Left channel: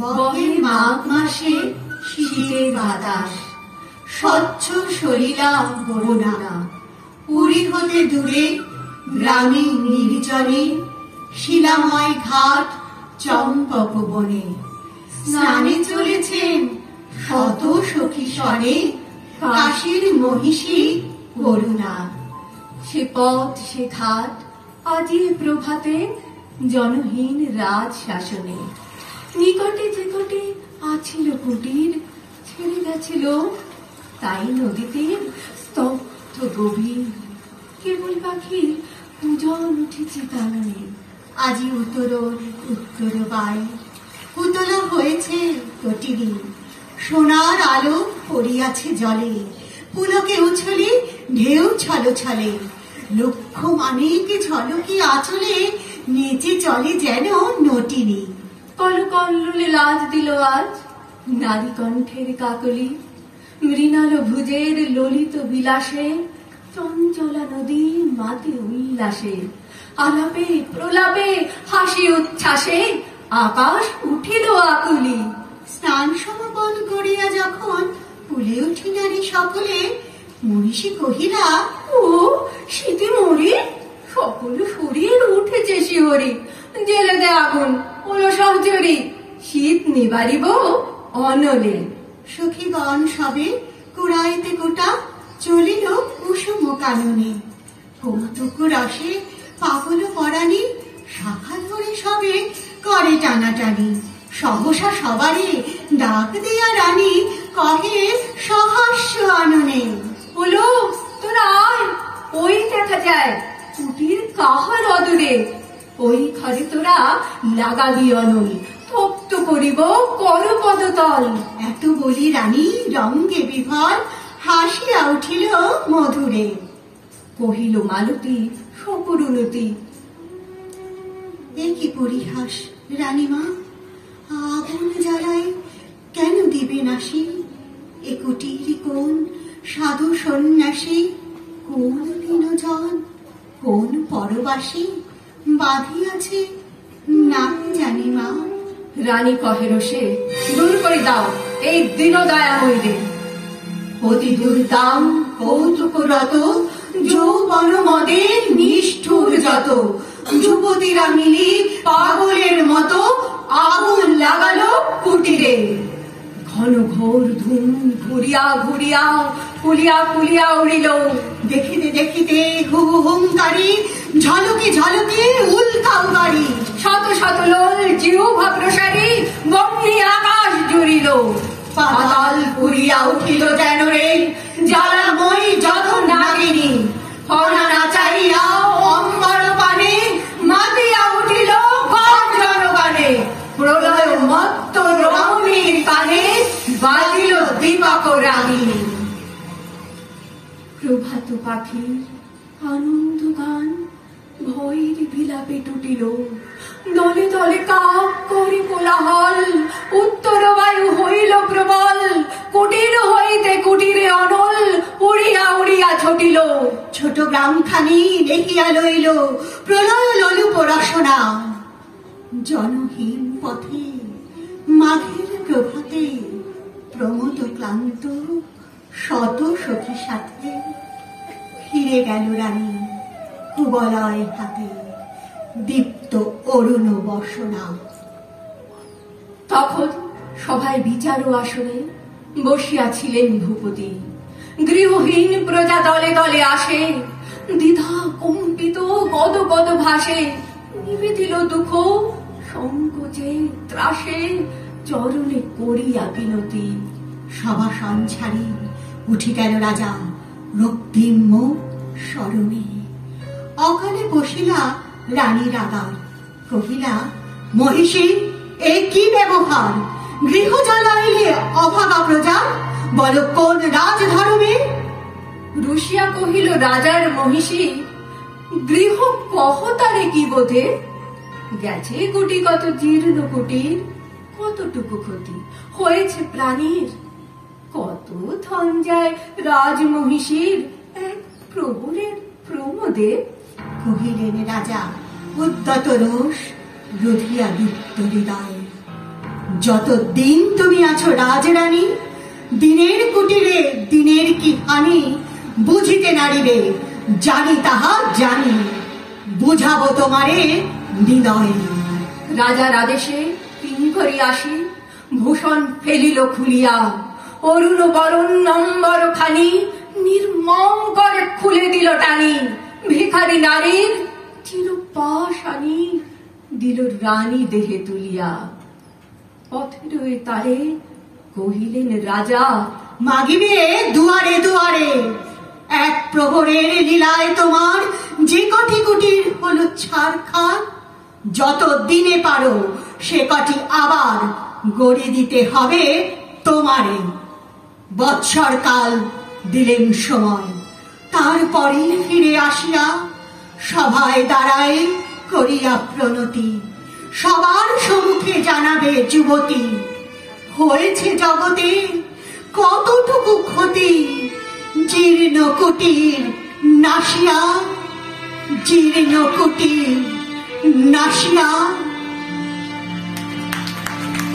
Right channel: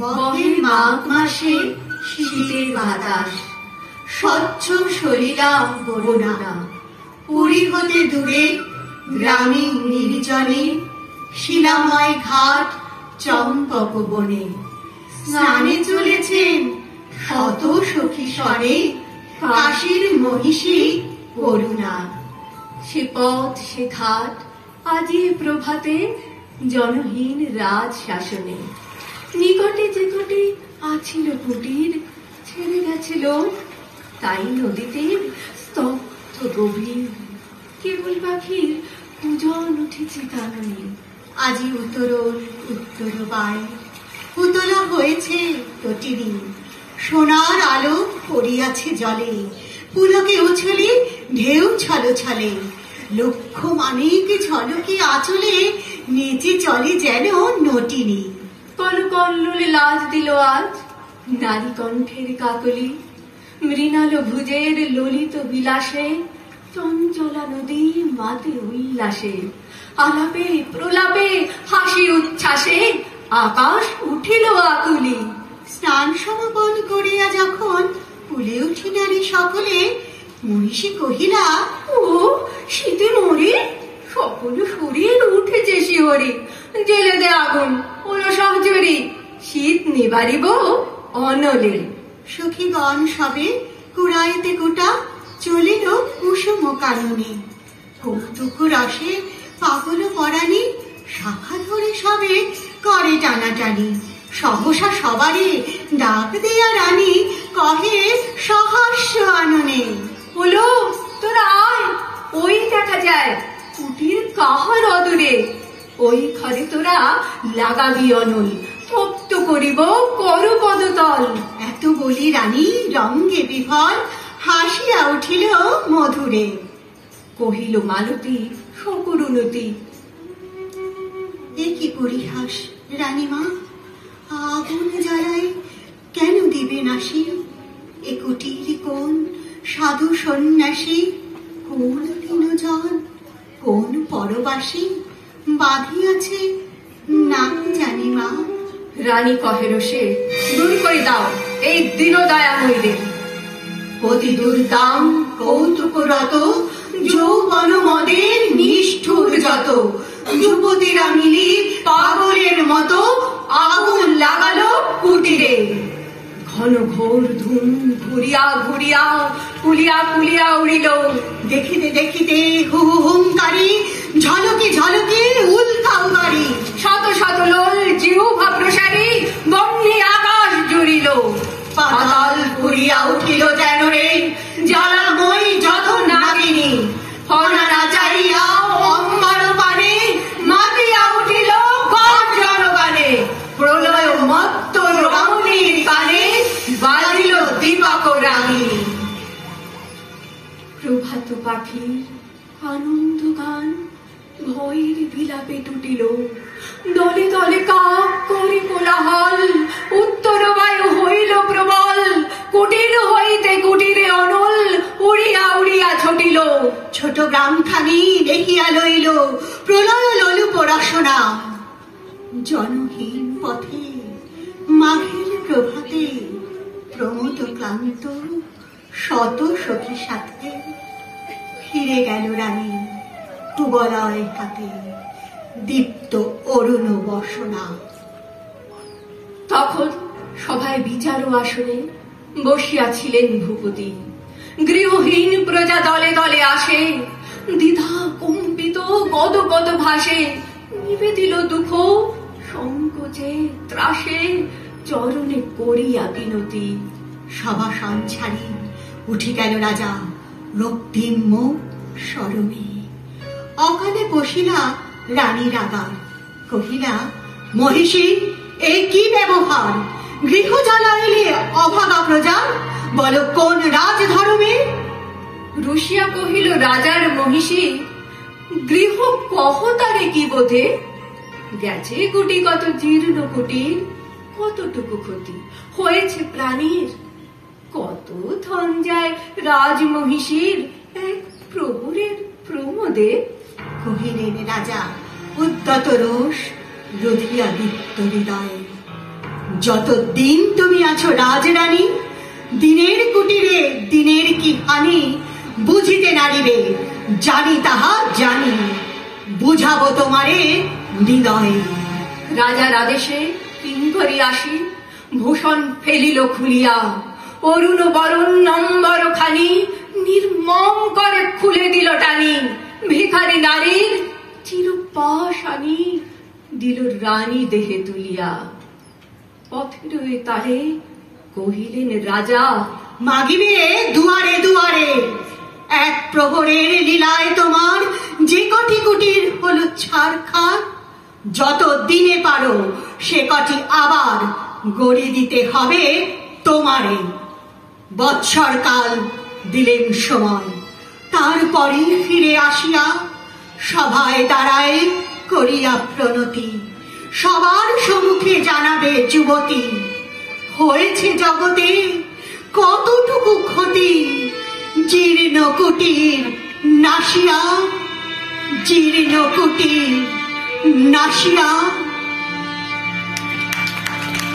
বহে মাঘ মাসে শীতের বাতাস, স্বচ্ছ সলিলা বরুণা। পুরী হতে দূরে গ্রামীণ নির্জনে, শিলাময় ঘাট চম্পক বনে, স্নানে চলেছেন শত সখী স্বরে, কাশীর মহিষী করুণা। সে পথ সে ঘাট আজি প্রভাতে, জনহীন রাজ শাসনে। নিকটে যেকটে আছিল কুটির, ছেড়ে গেছিল তাই নদীতে স্তব্ধ গভীর। কেবল পাখির পূজন উঠেছে কাননে, আজি উত্তর উত্তর বাই। পুতলা হয়েছে প্রতিদিন, সোনার আলো পড়িয়াছে জলে, পুলকে উছলে ঢেউ ছলো ছলে। লক্ষ মানিক ঝলকে আঁচলে, নেচে চলে যেন নটিনী। কলকল্লোলে লাজ দিল আজ নারী কণ্ঠের কাকলি, মৃণাল ভুজের ললিত বিলাসে, চঞ্চলা নদী মাতে উল্লাসে। আলাপে প্রলাপে হাসি উচ্ছ্বাসে, আকাশ উঠিল আকুলি। স্নান সমাপন করিয়া যখন কুলে উঠি নারী সকলে, মহিষী কহিলা, ও শীতে মরে, সকল শরীর উঠেছে শিহরি। জেলে দে আগুন, ওলো সব জড়ি, শীত নিবারিব অনলে। সখীগণ সবে কুড়াইতে কোটা, চলিল কুসুম কাননে। কৌতুক রসে পাগল পরাণী, শাখা ধরে সবে করে টানাটানি। সহসা সবারে ডাক দিয়া রানী, কহে সহাস্য আননে। হলো তোরা আয়, ওই দেখা যায় কুটির কাহার অদূরে। ওই ঘরে তোরা লাগাবি অনল, তপ্ত করিব কর পদতল। এত বলি রানী রঙ্গে বিভল, হাসিয়া উঠিল মধুরে। কহিল মালতী সকরুণতী, এ কি পরিহাস রানীমা, আগুন জ্বালায় কেন দিবে নাসি? এ কুটির কোন সাধু সন্ন্যাসী, কোন দীনজন, কোন পরবাসী বাঁধিয়াছে না জানি মা। রানী কহে রোষে, দূর করে দাও এই দীনদয়া হইলে। অতি দুর্দাম কৌতুকরত, যৌবন মদে নিষ্ঠুর যত। যুবতীরা মিলি পাগলের মতো, আগুন লাগালো কুটিরে। ঘন ঘোর ধূম ঘুরিয়া ঘুরিয়া, ফুলিয়া ফুলিয়া উড়িল। দেখিতে দেখিতে হু হুঙ্কারি, ঝলকে ঝলকে উল্কাও বাড়ি। শত শত লোল জিহ্বা প্রসারী, বহ্নি আকাশ জুড়িল। পাতাল পুরিয়া উঠিল যেন রে, জ্বালাময় যত নাগিনী। ফনা নাচাইয়া অম্বর পানে, মাতিয়া উঠিল গর্জন গানে। প্রলয় মত্ত রমণীর কানে, বাজিল দীপক রাগিনী। প্রভাত পাখি আনন্দ গান, ভয়ের বিলাপে টুটিল। দলে দলে কাক করে কোলাহল, উত্তর বায়ু হইল প্রবল। কুটির হইতে কুটিরে অনল, উড়িয়া উড়িয়া ছুটিল। ছোট গ্রামখানি দেখিয়া লইল প্রলয় লোলুপ রসনা। জনহীন পথে মাঘের প্রভাতে, প্রমোদ ক্লান্ত শত সখী সাথে, ফিরে গেল রানী কুবলয় হাতে, দীপ্ত অরুণ বসনা। তখন সভায় বিচার আসনে বসিয়াছিলেন ভূপতি। গৃহহীন প্রজা দলে দলে আসে, দ্বিধা কম্পিত গদ গদ ভাসে। নিবেদিল দুঃখ সংকোচে ত্রাসে, চরণে করিয়া বিনতি। সভা সঞ্চারী উঠি গেল রাজা, রক্তিম মুখ স্মরণে। অকালে বসিলা রানী রাগার, কহিলা, মহিষী এ কি ব্যবহার? গৃহ জ্বালাইলে অভাগা প্রজা, বল কোন রাজধর্মে? রুশিয়া কহিল রাজার মহিষী, গৃহ কহ তারে কি বোধে? গেছে গুটি কত জীর্ণ কুটির, কতটুকু ক্ষতি হয়েছে প্রাণীর। কত ধন যায় রাজমহিষীর, এক প্রবলের প্রমোদে। কহিলেন রাজা উদ্যত রোষ, রধিয়া দীপ্ত হৃদয়। যতদিন তুমি আছো রাজরানী, দিনের কুটিরে দিনের কি হানি বুঝিতে নারিবে, জানি তাহা জানি, বুঝাবো তোমারে হৃদয়ে। রাজার আদেশে কিঙ্করী আসি, ভূষণ ফেলিল খুলিয়া, অরুণ বরণ নম্বর খানি নির্মম করে খুলে দিল টানি। ভিখারি নারীর চিরপাশানি দিল রানী দেহে তুলিয়া। পথের ওই তারে কহিলেন রাজা, মাগিবে দুয়ারে দুয়ারে, এক প্রহরের লীলায় তোমার যে কটি কুটির হলো ছারখার, যত দিনে পারো সে কটি আবার গড়ে দিতে হবে তোমারে। বৎসর কাল দিলেন সময়, তারপরে ফিরে আসিয়া সভায় দাঁড়ায় করিয়া প্রণতি, সবার সম্মুখে জানাবে যুবতী, হয়েছে জগতে কতটুকু ক্ষতি, জীর্ণ কুটির নাসিয়া, জীর্ণ কুটির নাসিয়া।